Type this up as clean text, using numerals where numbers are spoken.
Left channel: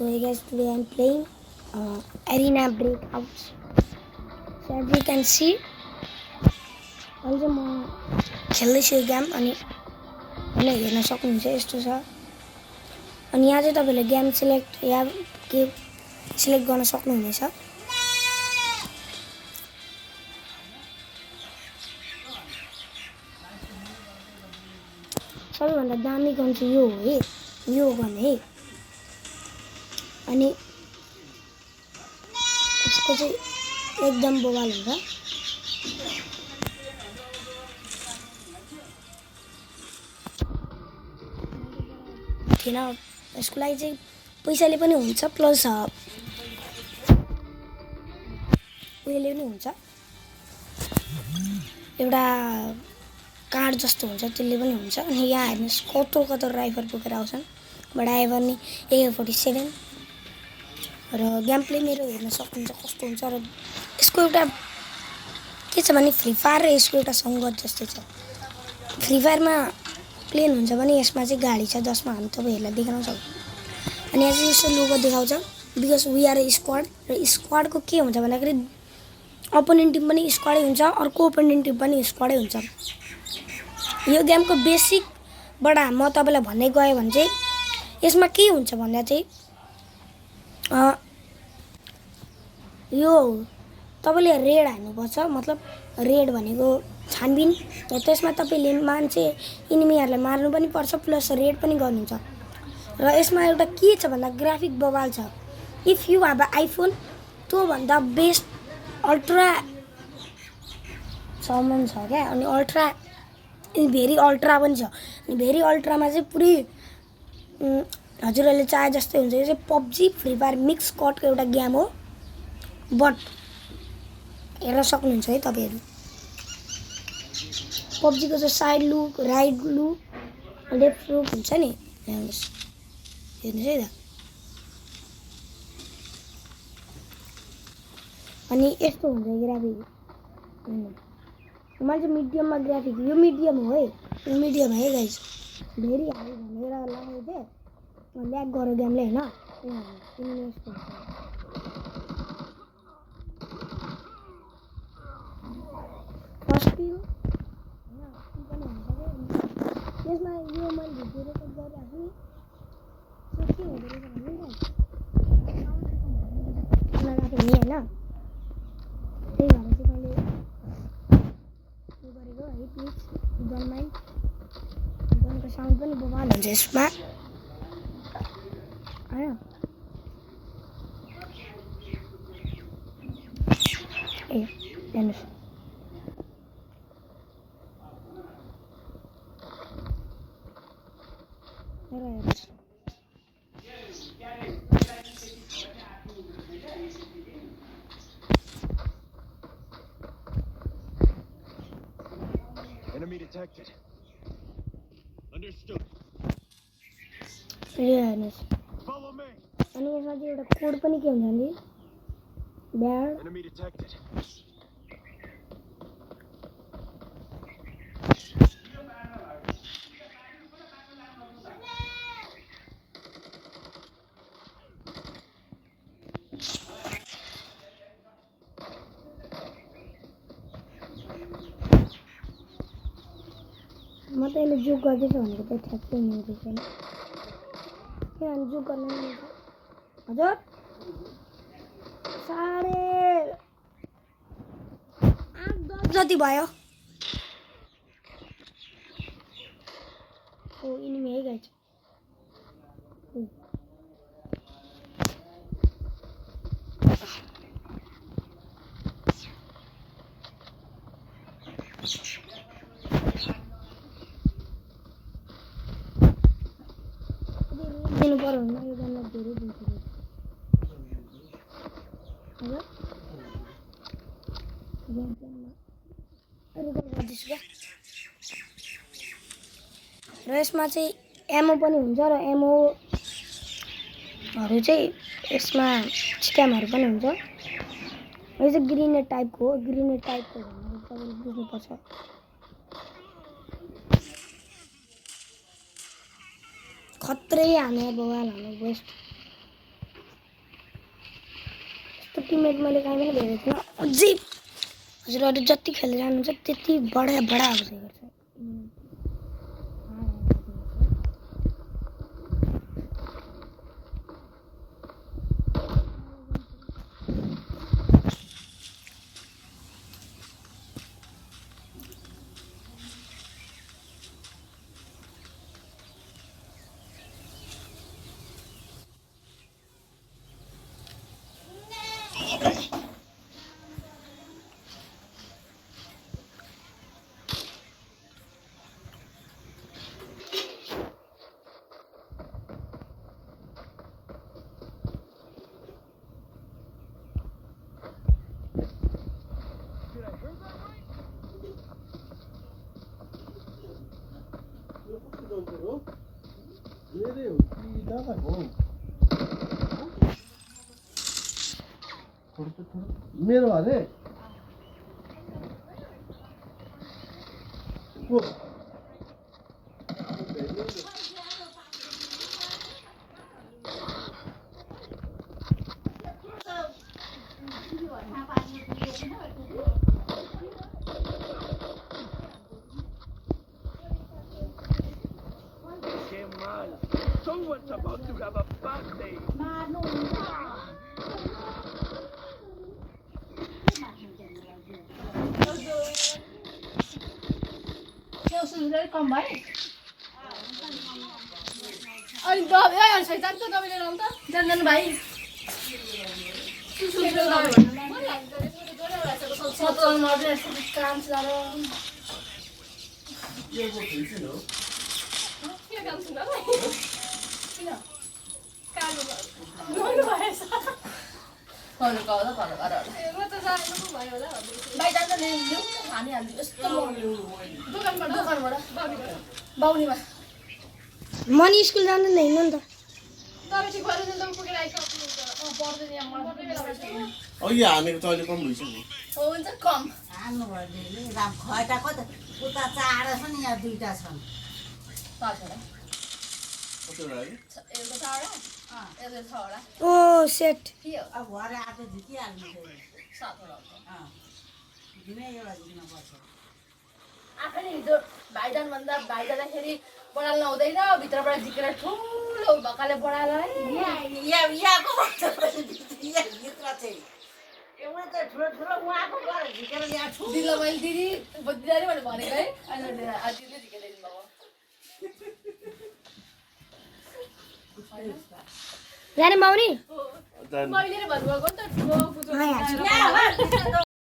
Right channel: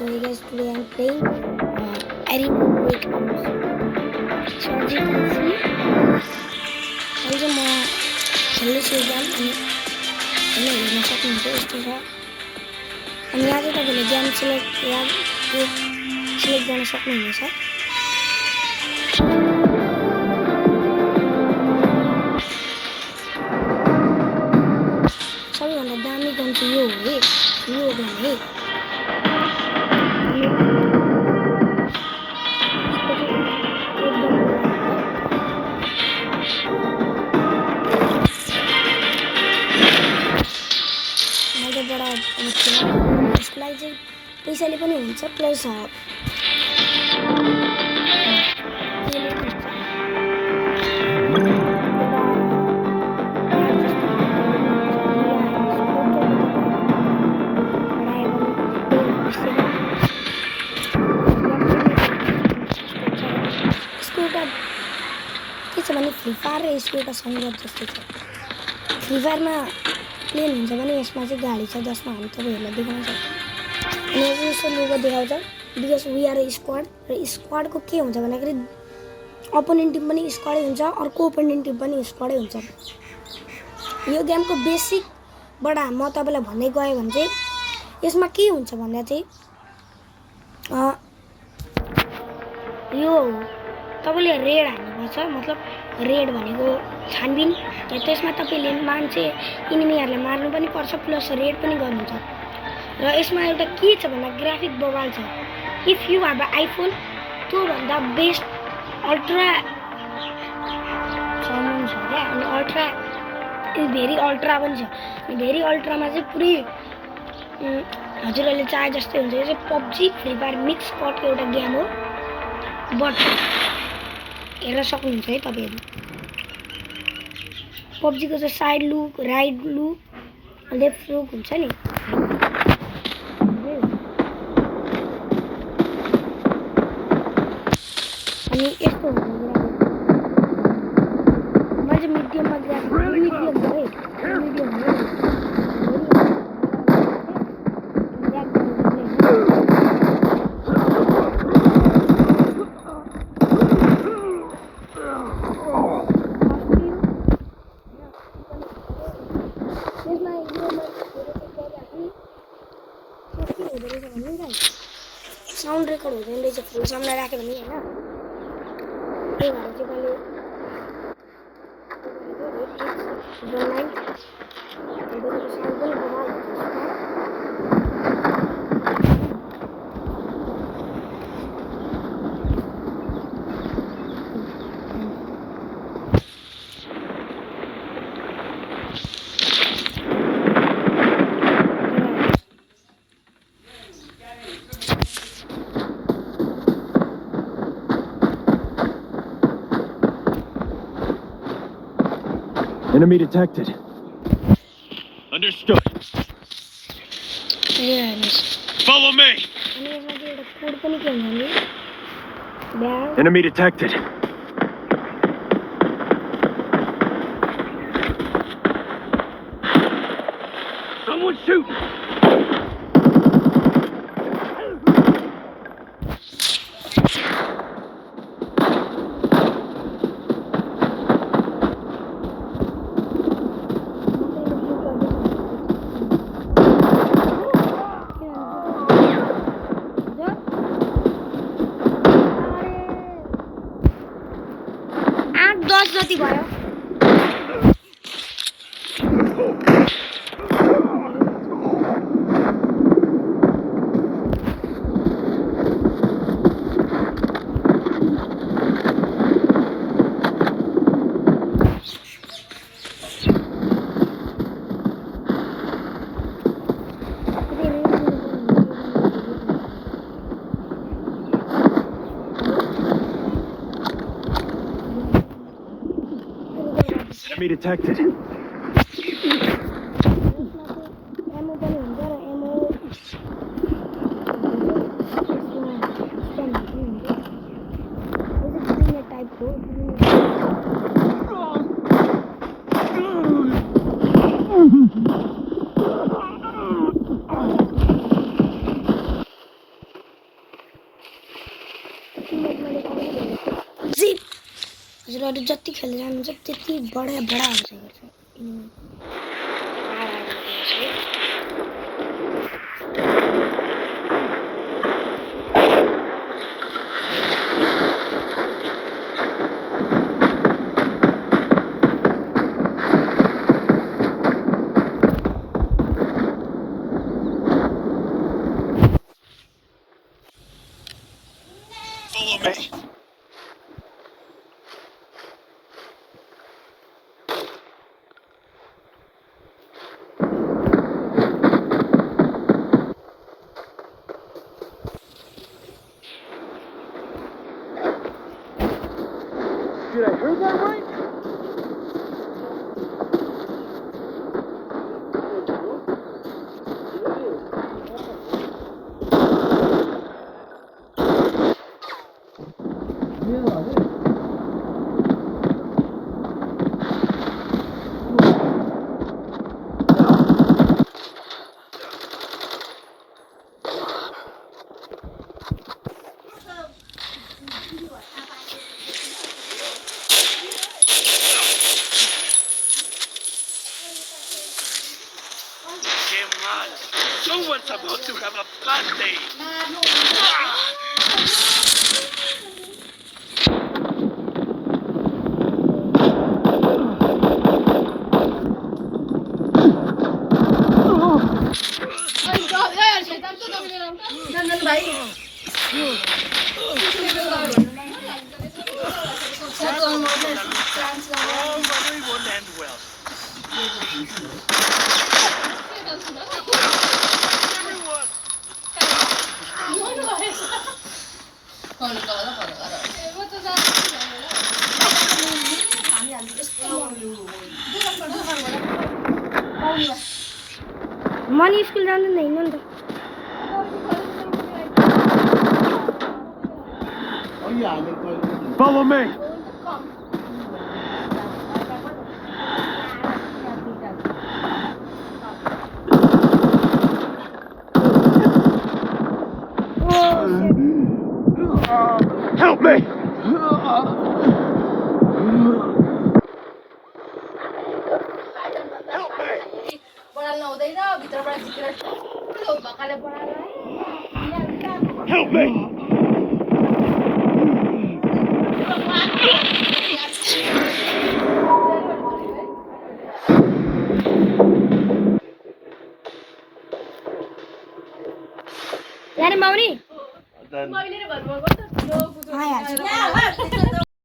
So hey guys, today I'm playing Arena Breakouts. So as you can see, अहिले म खेल्दैछु यो game अनि हैन हेर्न सक्नुहुन्छ यस्तो छ। अनि यहाँ चाहिँ तपाईले गेम सिलेक्ट गर्न सक्नुहुनेछ। सबैभन्दा दामी गन चाहिँ यो हो है, यो गन है। अनि यसको चाहिँ एकदम बवाल हो। मैले बडा यसको लागि चाहिँ पैसाले पनि हुन्छ प्लस उयोले पनि हुन्छ। एउटा कार्ड जस्तो हुन्छ त्यसले पनि हुन्छ। अनि यहाँ हेर्नुहोस् कस्तो कता राइफल बोकेर आउँछ। बडा एभन AK-47 गेम प्ले मेरो हेर्न सक्नुहुन्छ कस्तो हुन्छ। र यसको एउटा के छ भने फ्री फायर र यसको एउटा सङ्गत जस्तो छ। फ्री फायरमा प्लेन हुन्छ भने यसमा चाहिँ गाडी छ जसमा हामी तपाईहरुलाई देखाउन सक्छौँ। अनि यहाँ चाहिँ यसो लोगो देखाउँछ because we are a squad. र स्क्वाडको के हुन्छ भन्दाखेरि अपोनेन्ट टिम पनि स्क्वाडै हुन्छ, अर्को अपोनेन्ट टिम पनि स्क्वाडै हुन्छ। यो गेमको बेसिकबाट म तपाईलाई भन्दै गएँ भने चाहिँ यसमा के हुन्छ भन्दा चाहिँ यो तपाईले रेड हान्नुपर्छ। मतलब रेड भनेको छानबिन। त्यसमा तपाईले मान्छे इनिमीहरुलाई मार्नु पनि पर्छ प्लस रेड पनि गर्नुहुन्छ। र यसमा एउटा के छ भन्दा ग्राफिक बवाल छ। इफ यु हैव आइफोन त्यो भन्दा बेस्ट अल्ट्रा साउन्ड छ क्या। अनि अल्ट्रा भेरी अल्ट्रा पनि छ। अनि भेरी अल्ट्रामा चाहिँ पुरै हजुरहरूले चाहे जस्तै हुन्छ। यो चाहिँ पबजी फ्री फायर मिक्स कटको एउटा गेम हो। बट हेर्न सक्नुहुन्छ है तपाईहरु। पबजीको चाहिँ side look, right look, left look हुन्छ नि। हेर्नुस् है त। अनि यस्तो हुन्छ ग्राफिक। म चाहिँ मिडियममा ग्राफिक, यो मिडियम हो है, यो मिडियम है गाइस। भेरी ब्याक गरेर गेमले हैन। साउन्ड रेकर्ड हुँदैन रहेछ फुल साउन्डमा राख्यो भने हैन। त्यही भएर चाहिँ मैले साउन्ड पनि बवाल हुन्छ यसमा। Enemy detected. Understood. Follow me. Enemy detected. Someone shoot. जति भयो Enemy detected. यसमा चाहिँ एमो पनि हुन्छ र एमोहरु चाहिँ यसमा स्क्यामहरु पनि हुन्छ। यो चाहिँ ग्रेनेड टाइपको हो। ग्रेनेड खत्रै हानेको टिममेट मैले कामै भेटेको जी हजुरहरू जति खेलेर जानुहुन्छ त्यति बडा आउँछ Did I hear that right? मेरो हाले Imran, someone's about to have a bad day. Probably won't end well. Money school जाँदैन हिँड्नु नि त अघि हामी तैँले पनि Follow me. ओ सेट Help me. बढाल्न हुँदैन भित्रबाट झिकेर ठुलो भकाले बढाला Help me. जाने माउनी भन्नुभएको नि त ठुलो हाँ यार